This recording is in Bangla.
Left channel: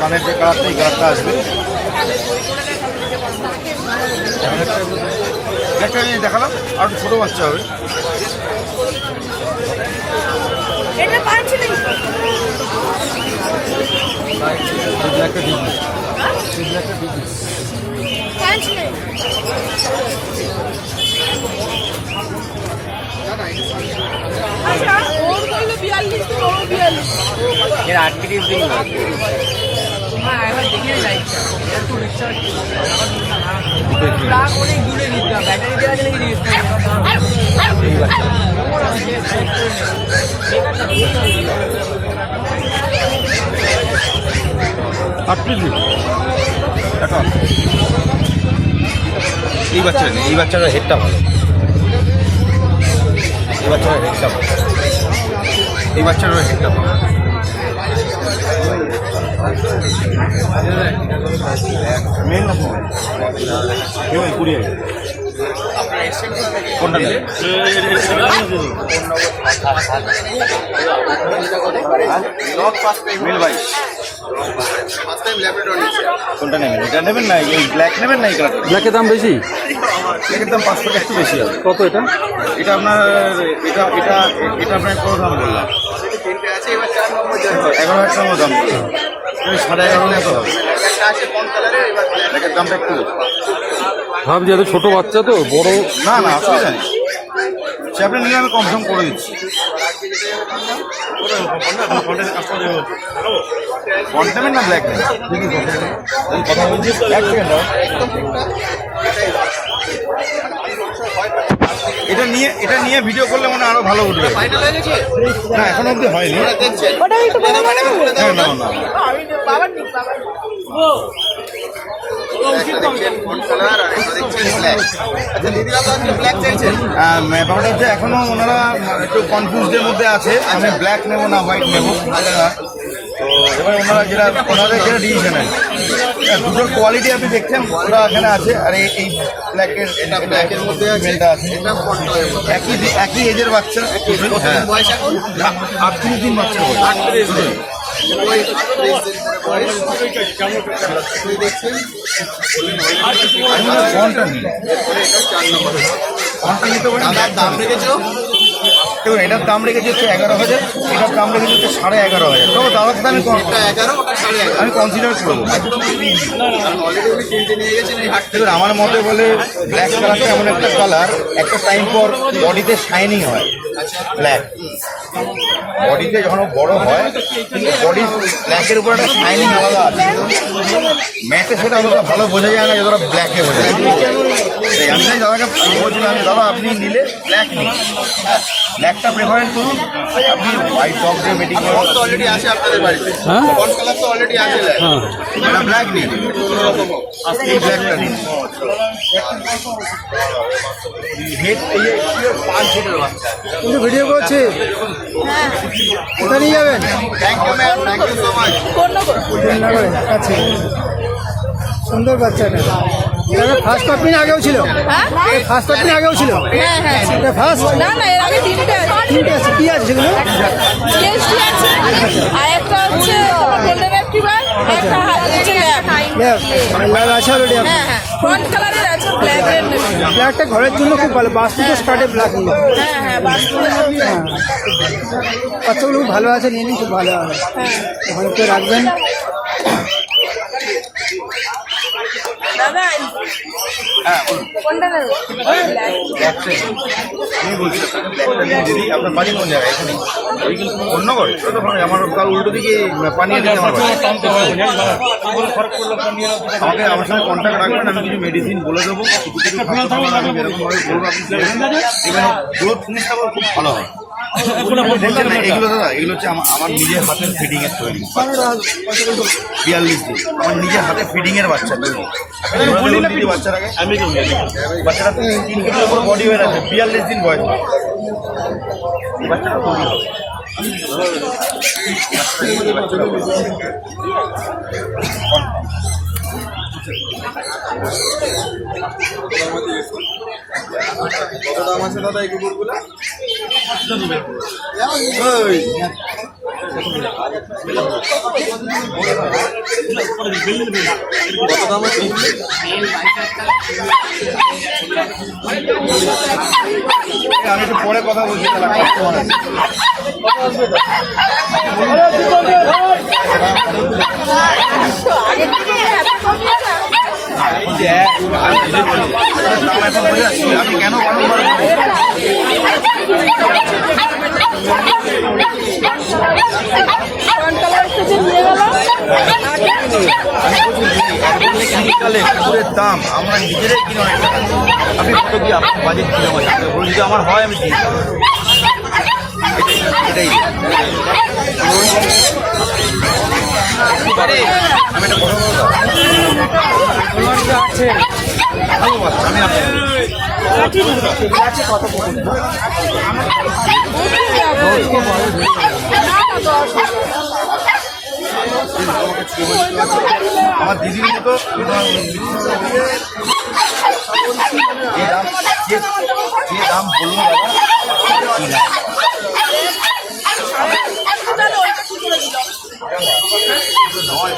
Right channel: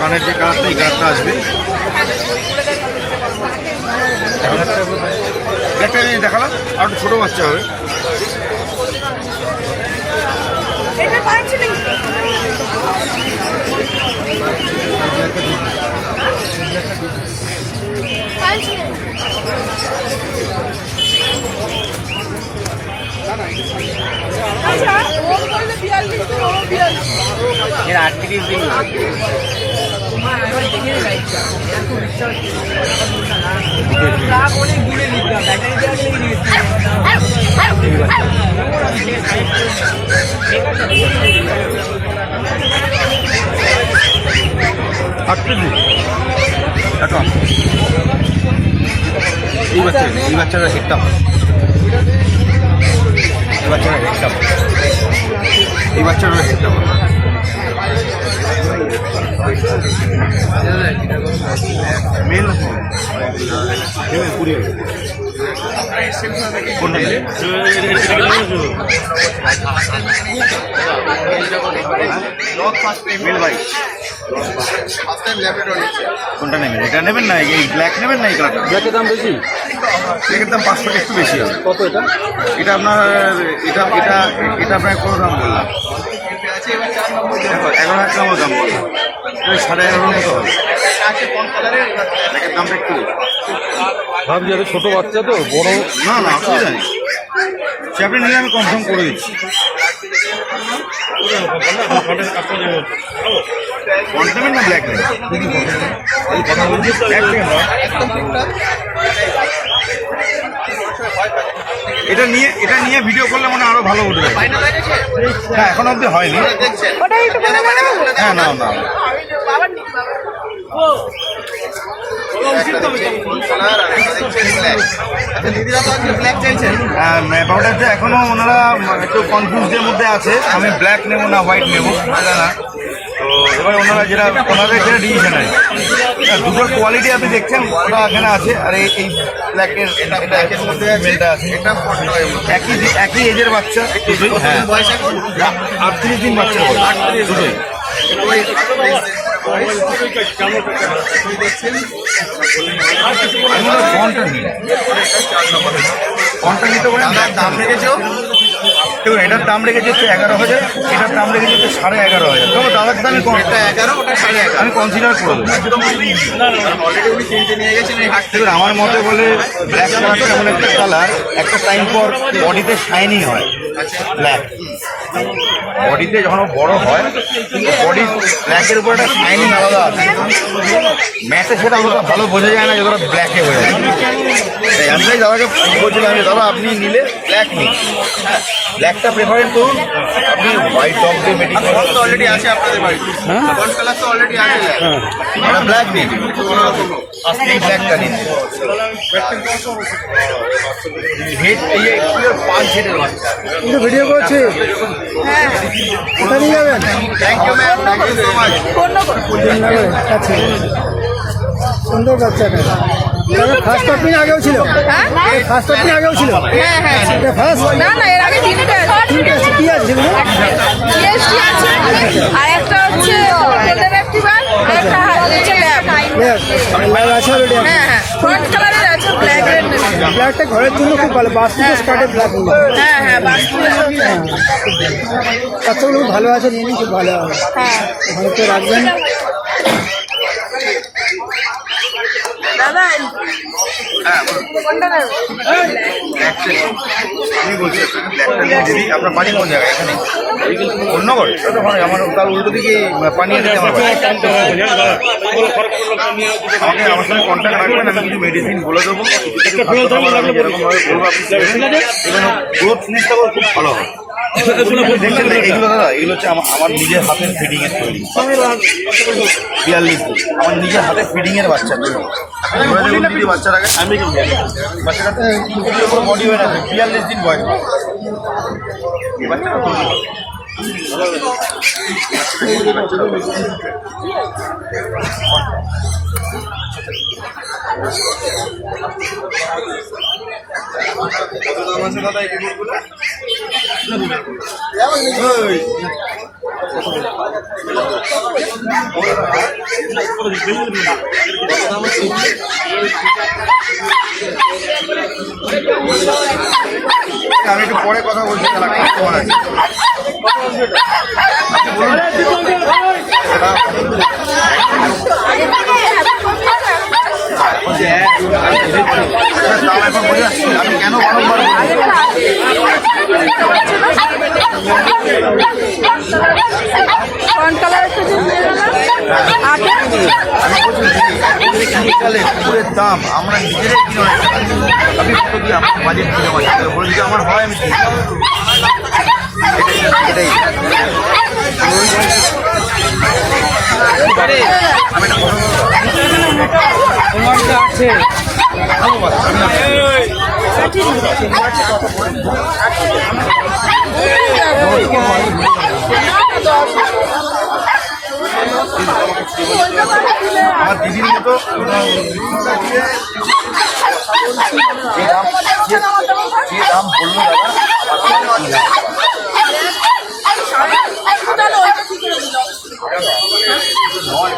কানের যে কালারটা এই কালারটা আসবে। একটা দেখালাম আর একটু ছোটো বাচ্চা হবে। এর 38 দিন অনেক দূরে নিতাম ব্যাটারি দেওয়া গেলে এই বাচ্চারা হেডটা এই বাচ্চারা হেডটা এই বাচ্চারা হেডটা মেল না ফিমেল 20 কোনটা নেই মেল ভাই কোনটা নেবেন? এটা নেবেন না এই ব্ল্যাক নেবেন না এই কালারটা? ব্ল্যাকের দাম বেশি, ব্ল্যাকের দাম 500 টাকা একটু বেশি হবে। কত এটা? এটা আপনার এটা এটা এটা আপনার কত দাম বললাম? 11,000 টাকা দাম বললাম, 11,500 মতো হবে। ব্ল্যাকের দামটা একটু ভাবছি আমি ছোটো বাচ্চা তো বড় না না অসুবিধা নেই, সে আপনি নিলে আমি কনফার্ম করে দিচ্ছি। ফন্ট নেবেন না ব্ল্যাক নেবেন? কথা বলছি এটা নিয়ে ভিডিও করলে মানে আরো ভালো উঠবে। না এখন অব্দি হয়নি। হ্যাঁ না না ব্যাপারটা এখনো ওনারা একটু কনফিউজের মধ্যে আছে, আমি ব্ল্যাক নেবো না হোয়াইট নেবো না। তো এবার ওনারা ওনাদের যেটা ডিসিশন আছে, দুটোর কোয়ালিটি আপনি দেখছেন ওটা এখানে আছে, আর এই ব্ল্যাকের একের মধ্যে মেলটা আছে, একই এজের বাচ্চা। হ্যাঁ 38 দিন বাচ্চা দুটোই। ফন্টটা নিতে পারেন। দেখুন এটার দাম রেখেছে হচ্ছে 11,000, এটার দাম রেখেছে হচ্ছে 11,500। তবে দাদার সাথে আমি কনসিডার করে দেবো। দেখুন আমার মতে বলে ব্ল্যাক কালারটা এমন একটা কালার, একটা টাইম পর বডিতে শাইনিং হয়। ব্ল্যাক বডিতে যখন বড় হয় বডি ব্ল্যাকের উপর একটা শাইনিং আলাদা আছে, ম্যাটে সেটা অতটা ভালো বোঝা যায় না যতটা ব্ল্যাকে বোঝা যায়। আমি দাদাকে বলছিলাম দাদা আপনি নিলে ব্ল্যাক নিন, হ্যাঁ ব্ল্যাকটা প্রেফারেন্স করুন। আপনি হোয়াইট ডগ দিয়ে মেডিকেল অলরেডি আছে আপনাদের বাড়িতে, ফন্ট কালার তো অলরেডি আছে, ব্ল্যাক নিন, কোনো রকম এই ব্ল্যাকটা নিন। ভিডিও করছি, কোথায় নিয়ে যাবেন? আচ্ছা সুন্দর বাচ্চাটা। ফার্স্ট পাপিন আগেও ছিল, ফার্স্ট পাপিন আগেও ছিল, এটা ফার্স্ট না না এর আগে তিনটে আছে। কি আছে সেগুলো? আর একটা হচ্ছে গোল্ডেন রিট্রিভার, একটা হচ্ছে ল্যাব। ল্যাব আছে অলরেডি। হ্যাঁ হ্যাঁ ফ্রন্ট কালারের আছে ব্ল্যাক এর। ব্ল্যাকটা ঘরের জন্য খুব ভালো, বাস্তু তো স্টার্টে ব্ল্যাক নিয়ে। হ্যাঁ হ্যাঁ বাস্তু। হ্যাঁ বাচ্চাগুলো খুব ভালো আছে, নিয়ে নিন, খুব ভালো হবে। হ্যাঁ ওখানে তো রাখবেন। দাদা হ্যাঁ বলুন। কোনটা নেব? আমি বলছি যদি আপনার বাড়ি কোন জায়গায়? এখানে অন্য করে আমার তার উল্টো দিকে পানিয়ে দিতে আমার আমার সঙ্গে কন্ট্যাক্ট রাখবেন, আমি কিছু মেডিসিন বলে দেবো, আমি যেরকমভাবে বলবো আপনি এখানে গ্রোথ জিনিসটা খুব ভালো হয়। দেখছেন এগুলো দাদা, এগুলো হচ্ছে আমার নিজের হাতের ফিডিংয়ের তৈরি। 42 দিন আমার নিজের হাতের ফিডিংয়ের বাচ্চা তৈরি। ঘোরা দেখুন দিদি বাচ্চার আগে বাচ্চারা 3 কেজির উপর বডি ওয়েট আছে, 42 দিন বয়স। এই বাচ্চাটা তৈরি হবে আমি একটু পরে কথা বলছি, তাহলে কাস্টমার আছে। আগে থেকে এত কমিয়ে দাম এখন বলে আসছি, আমি কেন বারংবার বলবো? আমি বলছি শীতকালে কুকুরের দাম আমরা নিজেরাই কিনে আপনি কত কি আপনার বাজেট কিনে বলুন, যদি আমার হয় আমি কিনি। এটাই আমি একটা কথা বলবো, ভালো বাচ্চা আমি আপনাকে আমার দিদির মতো আমি যে দাম বললো দাদা আমার কি নাই ওইটা ঠিক করে দিল। নয়